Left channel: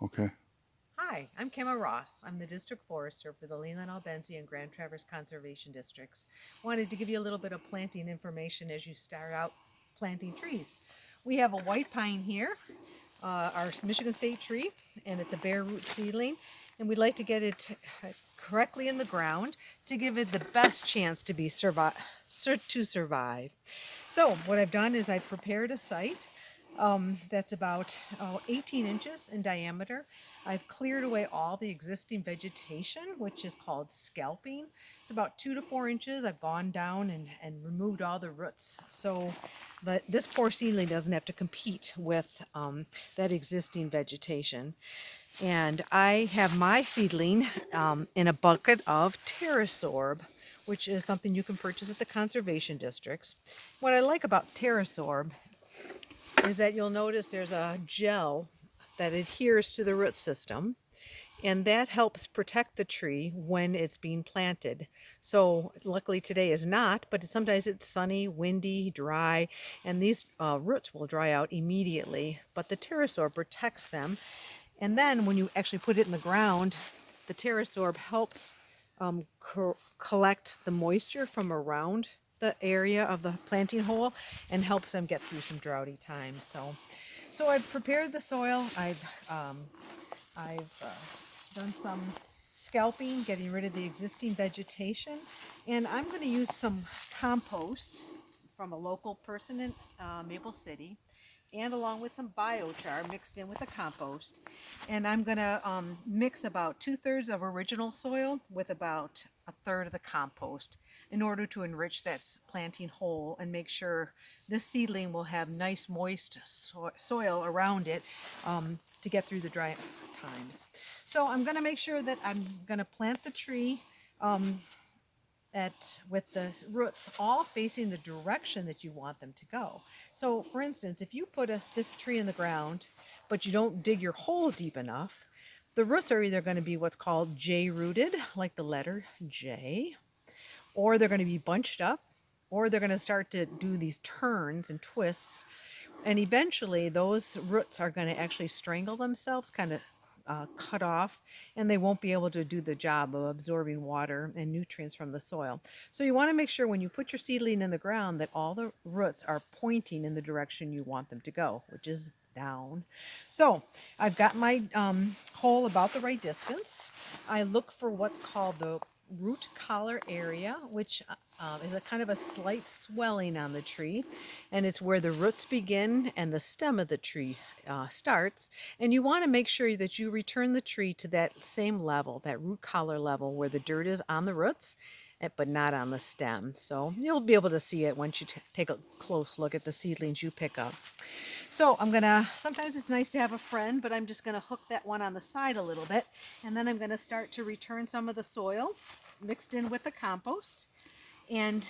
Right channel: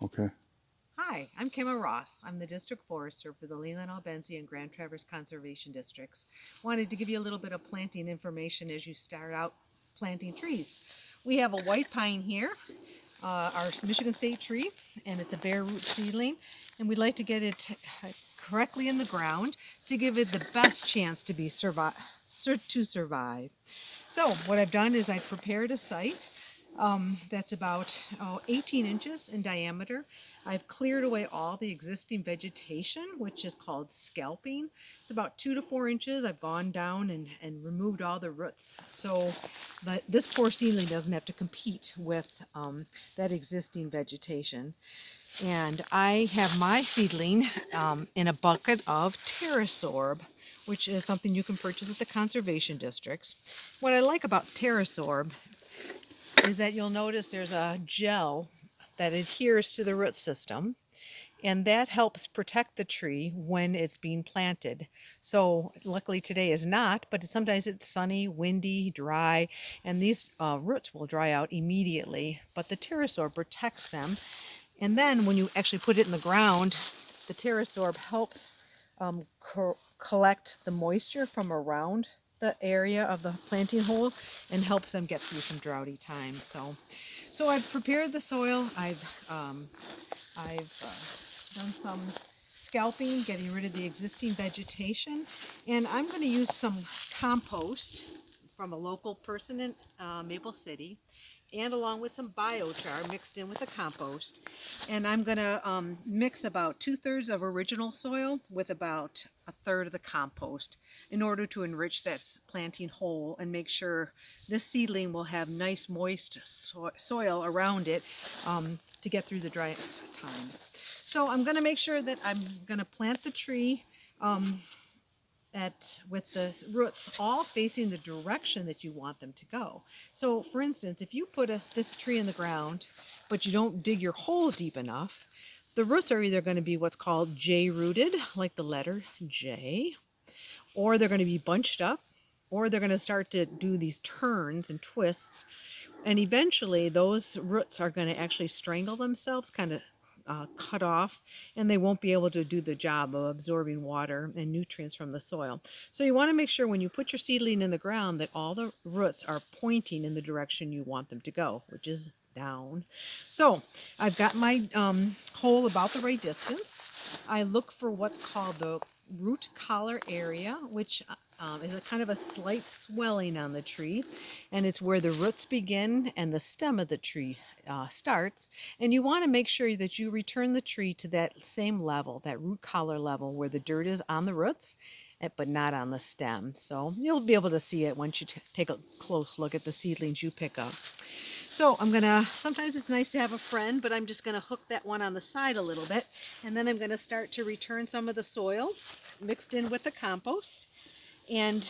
Okay. Hi, I'm Kimma Ross. I'm the District Forester for the Leland Albenzi and Grand Traverse Conservation Districts. Wanted to give you a little bit of planting information as you start out planting trees. We have a white pine here, our Michigan State tree, and it's a bare root seedling, and we'd like to get it correctly in the ground to give it the best chance to survive. So what I've done is I've prepared a site that's about 18 inches in diameter. I've cleared away all the existing vegetation, which is called scalping. It's about 2 to 4 inches. I've gone down and removed all the roots. So that this poor seedling doesn't have to compete with that existing vegetation. And I have my seedling in a bucket of Terrasorb, which is something you can purchase at the conservation districts. What I like about Terrasorb is that you'll notice there's a gel that adheres to the root system, and that helps protect the tree when it's being planted. So luckily today is not, but sometimes it's sunny, windy, dry, and these roots will dry out immediately, but the Terrasorb protects them. And then when you actually put it in the ground, the Terrasorb helps um, collect the moisture from around the area of the planting hole and helps them get through some droughty times. So I've prepared the soil. I've done some scalping, getting rid of the existing vegetation, and I'm going to use some compost from a local person in Maple City, and along with some biochar mixed in with the compost. And I'm going to mix about 2/3 of original soil with about 1/3 of the compost in order to enrich that planting hole and make sure this seedling will have nice moist soil around it to get through the dry times. So I'm going to make sure that I'm going to plant the tree um, with the roots all facing the direction that you want them to go. So for instance, if you put this tree in the ground, but you don't dig your hole deep enough, the roots are either going to be what's called J-rooted, like the letter J, or they're going to be bunched up, or they're going to start to do these turns and twists, and eventually those roots are going to actually strangle themselves, kind of cut off, and they won't be able to do the job of absorbing water and nutrients from the soil. So you want to make sure when you put your seedling in the ground that all the roots are pointing in the direction you want them to go, which is down. So I've got my hole about the right distance. I look for what's called the root collar area, which is a kind of a slight swelling on the tree, and it's where the roots begin and the stem of the tree starts. And you want to make sure that you return the tree to that same level, that root collar level, where the dirt is on the roots but not on the stem. So you'll be able to see it once you take a close look at the seedlings you pick up. So I'm gonna, sometimes it's nice to have a friend, but I'm just gonna hook that one on the side a little bit, and then I'm gonna start to return some of the soil mixed in with the compost, and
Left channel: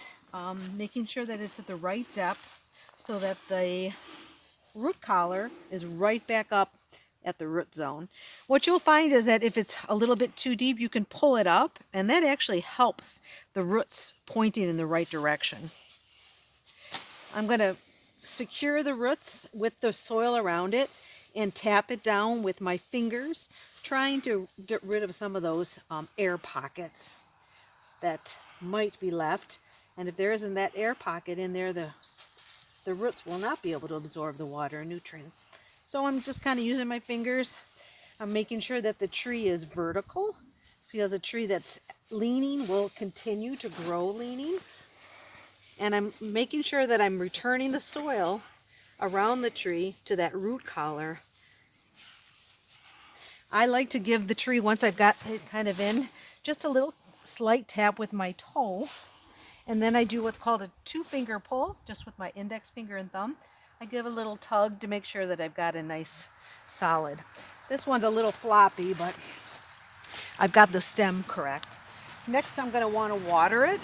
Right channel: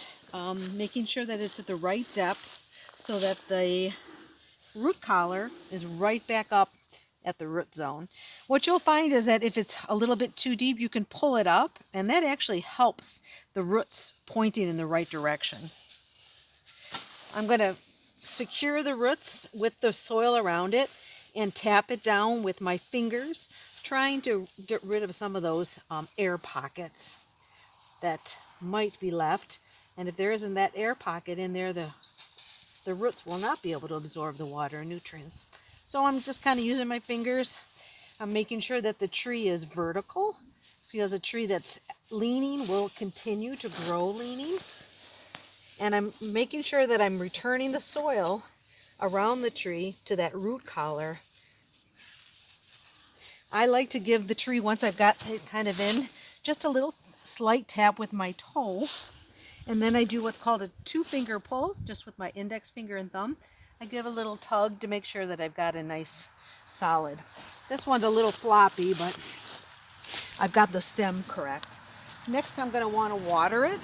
making sure that it's at the right depth so that the root collar is right back up at the root zone. What you'll find is that if it's a little bit too deep, you can pull it up, and that actually helps the roots pointing in the right direction. I'm going to secure the roots with the soil around it and tap it down with my fingers, trying to get rid of some of those air pockets that might be left. And if there isn't that air pocket in there, the roots will not be able to absorb the water and nutrients. So I'm just kind of using my fingers. I'm making sure that the tree is vertical, because a tree that's leaning will continue to grow leaning. And I'm making sure that I'm returning the soil around the tree to that root collar. I like to give the tree, once I've got it kind of in, just a little slight tap with my toe. And then I do what's called a 2-finger pull, just with my index finger and thumb. I give a little tug to make sure that I've got a nice solid. This one's a little floppy, but I've got the stem correct. Next, I'm going to want to water it,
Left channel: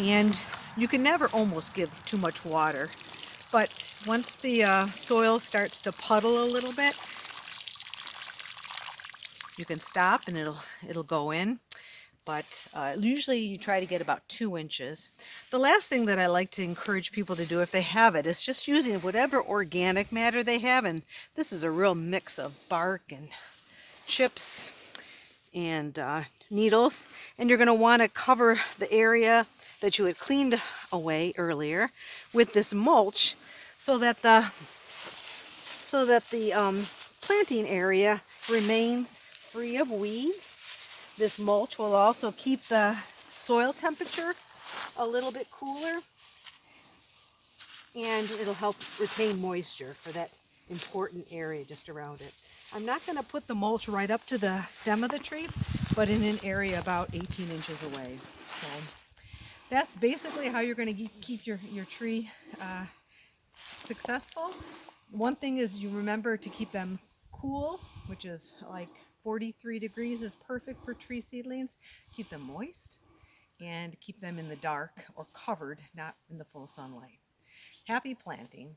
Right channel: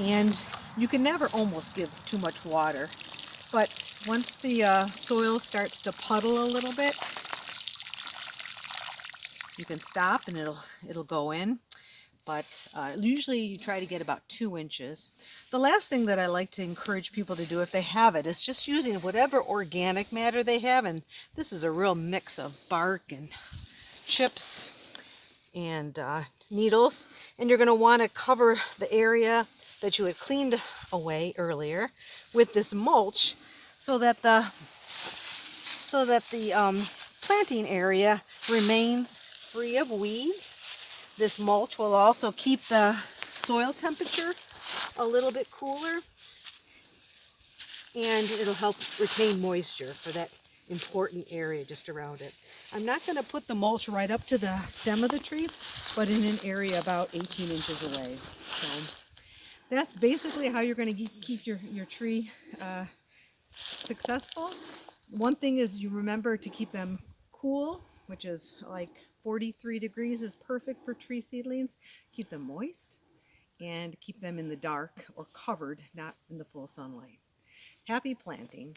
and you can never almost give too much water. But once the soil starts to puddle a little bit, you can stop and it'll go in. But usually you try to get about 2 inches. The last thing that I like to encourage people to do, if they have it, is just using whatever organic matter they have. And this is a real mix of bark and chips and needles, and you're going to want to cover the area that you had cleaned away earlier with this mulch so that the planting area remains free of weeds. This mulch will also keep the soil temperature a little bit cooler, and it'll help retain moisture for that important area just around it. I'm not going to put the mulch right up to the stem of the tree, but in an area about 18 inches away. So that's basically how you're going to keep your tree successful. One thing is you remember to keep them cool, which is like 43 degrees is perfect for tree seedlings. Keep them moist and keep them in the dark or covered, not in the full sunlight. Happy planting.